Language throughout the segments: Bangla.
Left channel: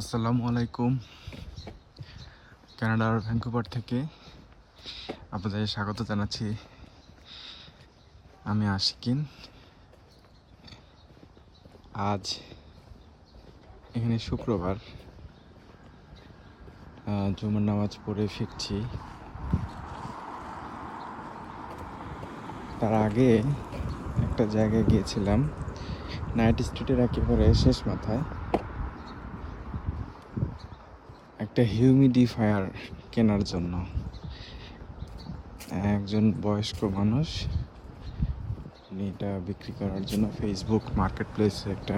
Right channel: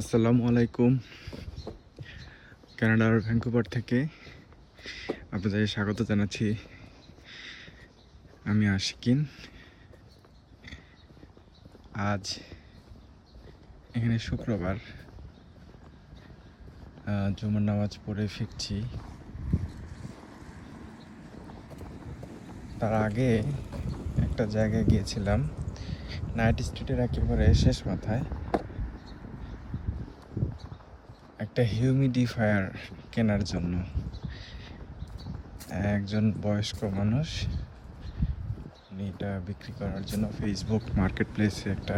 আসসালামু আলাইকুম। কানাডার ভ্যাঙ্কুভার থেকে আপনাদের স্বাগত জানাচ্ছি। আমি আশিকিন। আজ এখানে শুক্রবার, জুমার নামাজ পড়ে ফিরছি। তার আগে একটা জায়গায় গিয়েছিলাম, নাইট স্ট্রিটের একেবারে শেষ মাথায়। একটা হিউমিডিফায়ার কেনার জন্য একজন বয়স্ক মানুষ এটা বিক্রি করার জন্য ফেসবুক মার্কেট প্লেসে একটা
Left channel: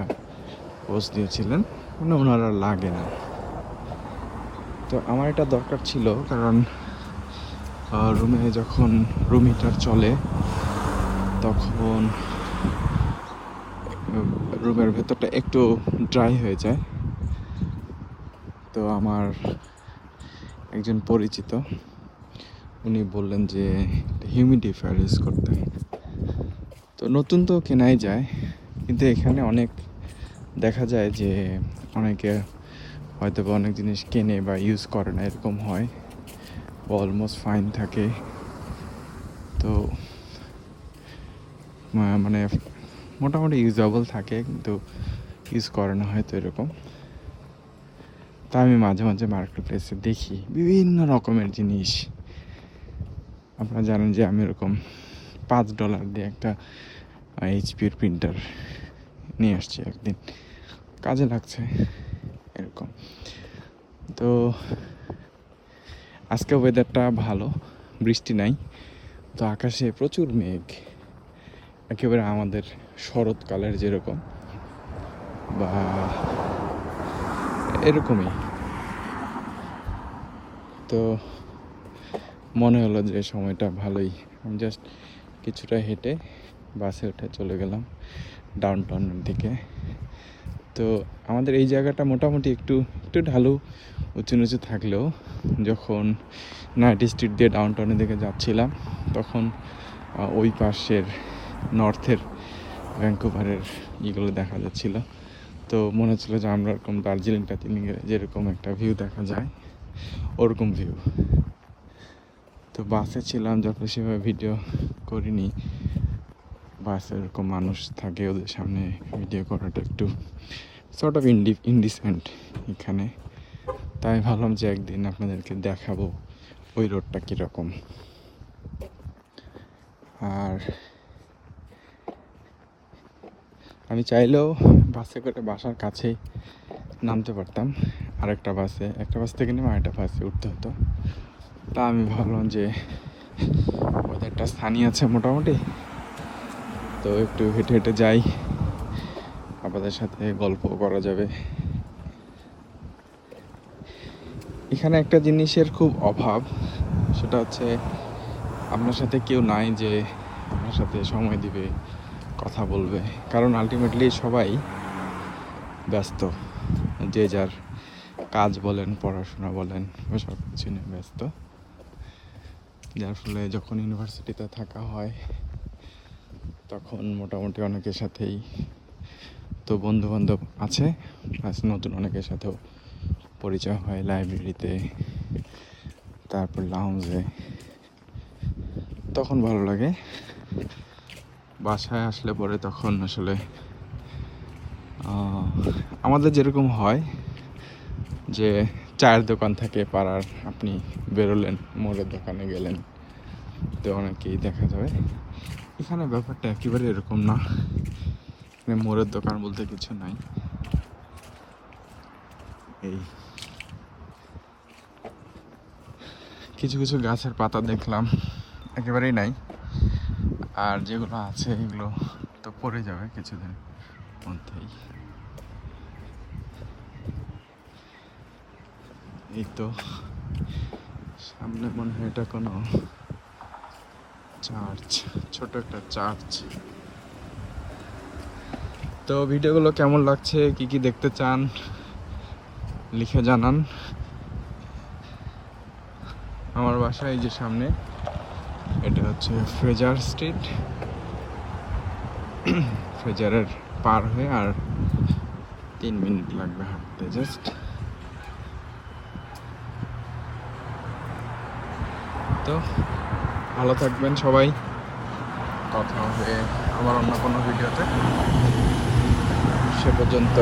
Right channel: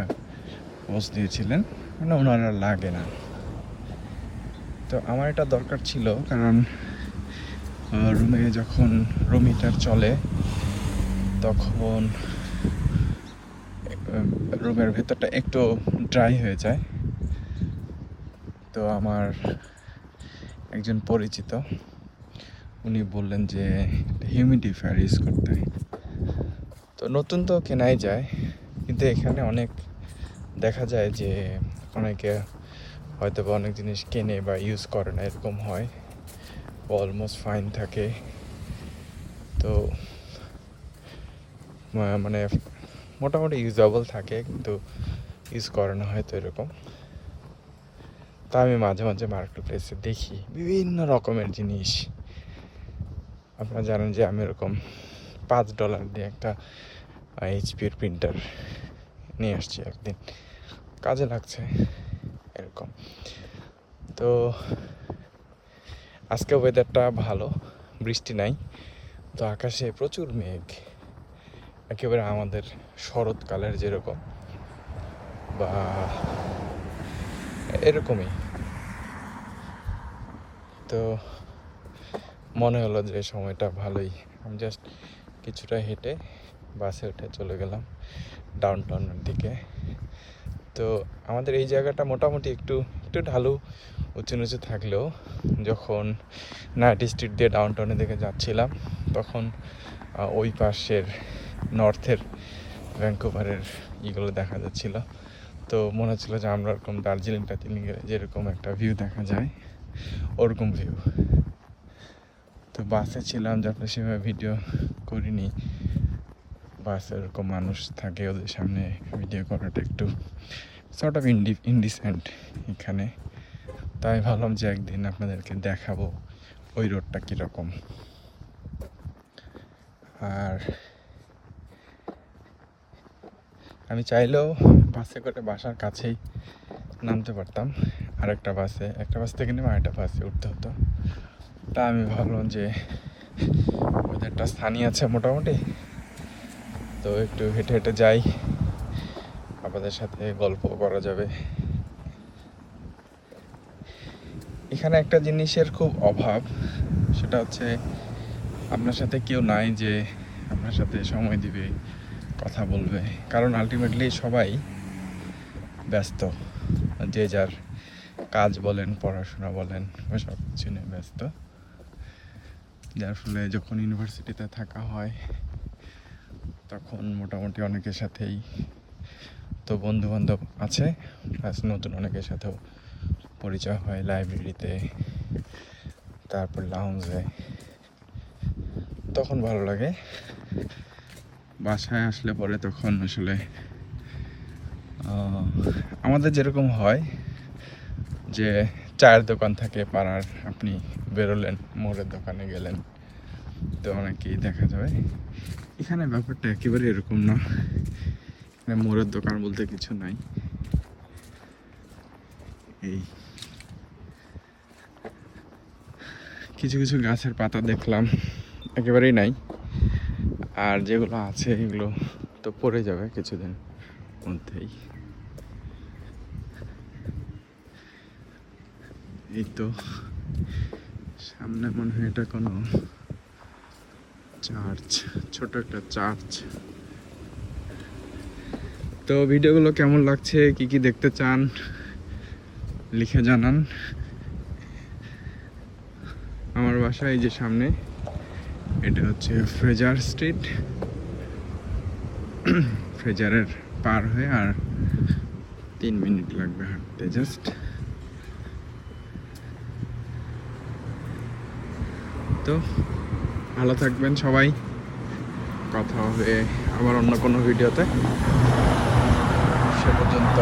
পোস্ট দিয়েছিলেন। মানে ওনারা লাগে না, তো আমার এটা দরকার ছিল, কারণ রুমে যখন রুম হিটার চলে তখন রুমের ভেতরটা একটু ড্রাই হয়ে যায়। তো আমার একজন পরিচিত উনি বললেন যে হিউমিডিফায়ার ইউজ করতে। তো নতুন তো কেনাই যায়, কিন্তু এখানে অনেক দেখা যায় যে অনেকে হয়তো বা অনেক জিনিস কেনে বা ইউজ করে না, এরকম হয়। অলমোস্ট ফাইন থাকে, তো মানে মোটামুটি ইউজেবল থাকে, কিন্তু ইউজ করে না হয়তো এরকম। তা আমি মাঝে মাঝে মার্কেট প্লেসে দেখি বিভিন্ন রকমের জিনিস। আপনারা জানেন যে আমি এরকম $5 দিয়ে একটা এইচপির প্রিন্টার নিয়ে আসছি, একদিন কাজে লাগছে এরকম। তো আজকে ওয়েদারটা ভালো, বৃষ্টি নাই, তো আকাশে প্রচুর মেঘ, একেবারে আমাদের শরৎকালের যেরকম বা এরকমই। তো মনে হলো যে সময়টা ভালোই। আমি জাস্ট কিছুটা হেঁটে বাসে উঠে চলে গেলাম ডাউন টাউনের দিকে। তো আমাদের এই জায়গাটা মোটামুটি একটু একটু ঢালু, উঁচু নিচু থাকলেও যখন নাইট স্ট্রিট দিয়ে ডাউন টাউনের দিকে যাচ্ছিলাম তখন ওই পাশের নর্থের ভ্যাঙ্কুভারের ইগুলো দেখা যাচ্ছিল। তো মনে হচ্ছিল যে আমরা এরকম দার্জিলিং টার্জিলিংয়ের যেরকম একটা ভিউ দেখা যায় ওরকম ভিউ। তো বাসে ছিলাম, যারপরে সেভাবে ভিডিও করিনি। বাসে এরকম মানুষ থাকে, ওদের সামনে ভিডিও করাটা একটু সর্ট অফ ইনডিসেন্ট এখানে। তাই ভাবলাম যে একদিন আপনাদেরকে দেখাবো ওই রোডটা কীরকম। আর আমি চাইলেও বাসে করে বাসার কাছেই নামতে পারতাম, আর একটা বাস থেকে নেমে আরেকটা বাসে উঠতে হতো। তা আমি ভাবলাম যে ওদেরটা স্থানীয় আছে মোটামুটি, তো একটু হেঁটে হেঁটে যাই, আপনাদের সাথে গল্প করা যাবে। এখানে একটা জিনিসের খুব অভাব, সেটা হচ্ছে আপনার সাথে কেউ নাই যে আপনার সাথে সময় দিবে, কথা বলবে। কারণ আলটিমেটলি সবাই ব্যস্ত, যে যার কাজ বলেন, পড়াশোনা বলেন, সব কিছু নিয়ে ব্যস্ত। যার ফলে যখন ইউনিভার্সিটিতে থাকা হয় তখন মোটামুটি অনেকের সাথেই তো বন্ধুবান্ধব আছে, প্লাস নতুন অনেকের সাথেও পরিচয় হয় লাইব্রেরিতে, তারপর লাউঞ্জে, তখন ভালো লাগে। বাসায় আসলে পরে তখন আসলে আমাদের যেরকম হয় যে চায়ের দোকান থেকে পাড়ার, আপনি বেরোলেন, মুড়ের দোকানে গেলেন, তো অনেকেই দেখা যাবে। এখানে ব্যাপারটা একেবারে এরকম না, এখানে মোড়ের দোকান বলতে কিছু নাই। এই কিছু কিছু গাছের পাতা দেখলাম একেবারেই নাই, আর যেগুলো আছে এগুলো তো পড়ে যাবে কিছুদিন মধ্যেই। এই তো সামনে মনে হয় এটা কোনো চার্চ, ছোট একটা চার্চ। তো ভিডিওগুলো কেমন লাগছে, কি কি দেখতে চান লিখে জানান। আমার বাসা এই যে সামনে, এটা হচ্ছে ফ্রেজার স্ট্রিট। ফ্রেজারের পার হয়ে আর 3 মিনিট লাগবে হাঁটতে জাস্ট। তো ভালো থাকবেন সবাই, কথা হবে আমার অন্য কোনো ভিডিওতে। সে পর্যন্ত